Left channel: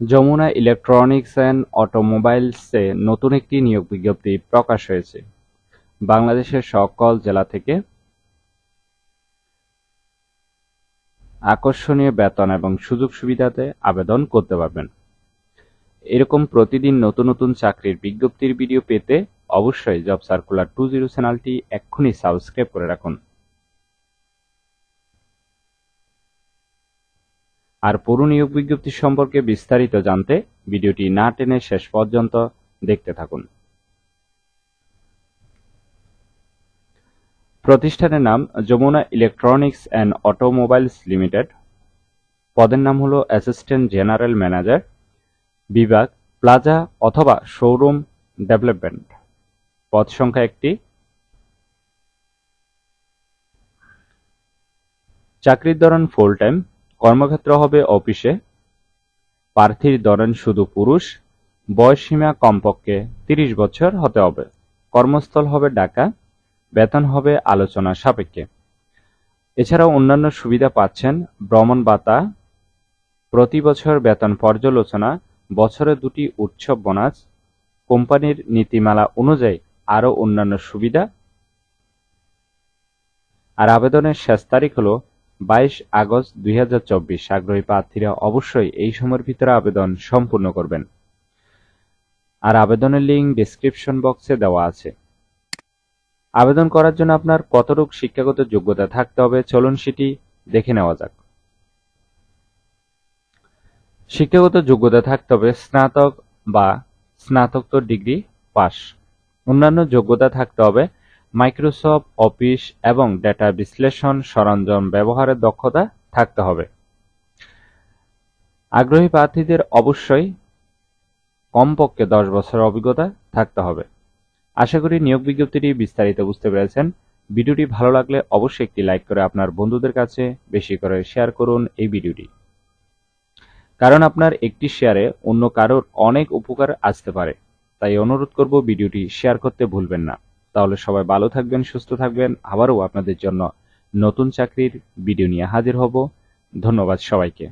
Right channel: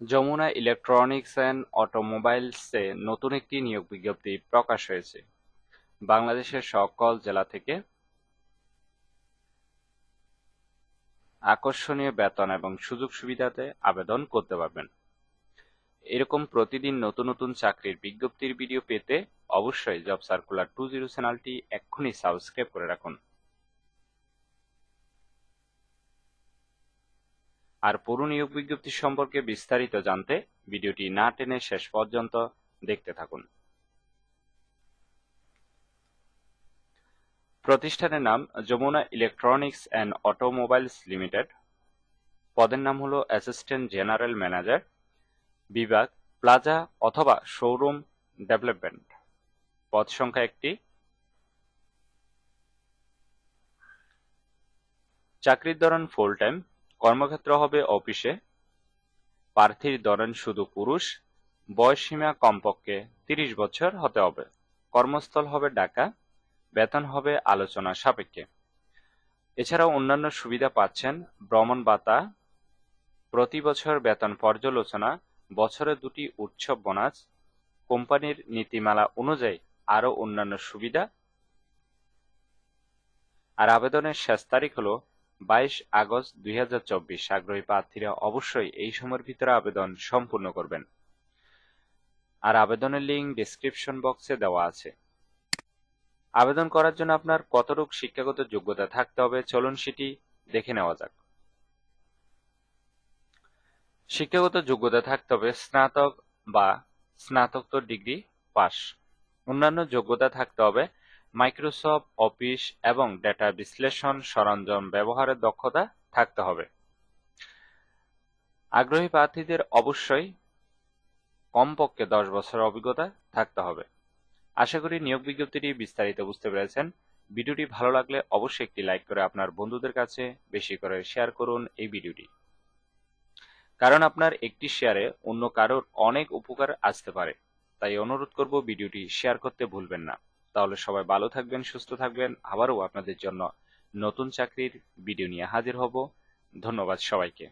Jamuna electronics and অটোমোবাইলসে নতুন একটি নিয়োগ বিজ্ঞপ্তি প্রকাশ হয়েছে। বাংলাদেশের সকল জেলা থেকে আকর্ষণীয় বেতন এবং সুযোগ সুবিধাতে আবেদন করতে পারবেন। এরকম প্রতিদিন নতুন নতুন চাকরির বিজ্ঞপ্তির ভিডিও পেতে অবশ্যই জব সার্কুলার টু জিরো চ্যানেলটি এক্ষুনি সাবস্ক্রাইব করে রাখুন। আর পুরো নিয়োগ বিজ্ঞপ্তি সম্পর্কে বিস্তারিত জানতে ভিডিওটি না টেনে শেষ পর্যন্ত দেখতে থাকুন। প্রতিষ্ঠানের নাম Jamuna electronics and automobiles limited. পদের নাম হলো অ্যাসিস্ট্যান্ট জেনারেল ম্যানেজার বিভাগ প্লাজা অথবা শোরুম ডেভেলপমেন্ট। পদ সংখ্যা একটি। চাকরির ধরন ফুল টাইম কর্মক্ষেত্র হবে অফিসে। প্রার্থীর ধরেন শুধু পুরুষ বয়সসীমা কমপক্ষে তিরিশ বছর হতে হবে। কর্মস্থল হবে ঢাকা, বেতন হবে আলোচনা সাপেক্ষে। এছাড়াও অন্যান্য সুবিধা পাচ্ছেন ভ্রমণ ভাতা, প্রতি বছর বেতন পর্যালোচনা, বছরে দুটি উৎসব বোনাস, কোম্পানির নীতিমালা অনুযায়ী আরও অন্যান্য সুবিধা। আর আবেদনের শেষ তারিখ হলো বাইশ আগস্ট দুই আগ্রহী প্রার্থীরা অবশ্যই এই সময়ের ভিতরে আবেদন সম্পূর্ণ করবেন। আর আবেদনের লিঙ্ক ডিসক্রিপশন বক্সে দেওয়া আছে। আবেদন করার জন্য আপনার কতটুক শিক্ষাগত যোগ্যতা থাকতে হবে চলুন সেটি দেখে নেওয়া যাক। শিক্ষাগত যোগ্যতা থাকতে হবে স্নাতক বা স্নাতকোত্তর ডিগ্রি পাস অন্যান্য যোগ্যতা থাকতে হবে মাইক্রোসফট অফিস এবং ডেটা বিশ্লেষণ সরঞ্জাম ব্যবহারের দক্ষতা থাকতে হবে। আগ্রহী প্রার্থীদের অবশ্যই কমপক্ষে দশ বছরের অভিজ্ঞতা থাকতে হবে। আশা করি নিয়োগ বিজ্ঞপ্তিটি বিস্তারিত বুঝতে পেরেছেন। ভিডিওটি ভালো লাগলে অবশ্যই একটি লাইক করে আপনার বন্ধুদের কাছে বেশি করে শেয়ার করুন এই ভিডিওটি। কারণ আপনার একটি শেয়ারে অন্য কারোর অনেক উপকার আসতে পারে, তাই অনুরোধ করব ভিডিওটি শেয়ার করতে ভুলবেন না। তাহলে সবাই ভালো থাকবেন, সুস্থ থাকবেন। আবারও আপনাদের জন্য নতুন চাকরির ভিডিও নিয়ে হাজির হব। ধন্যবাদ সবাইকে।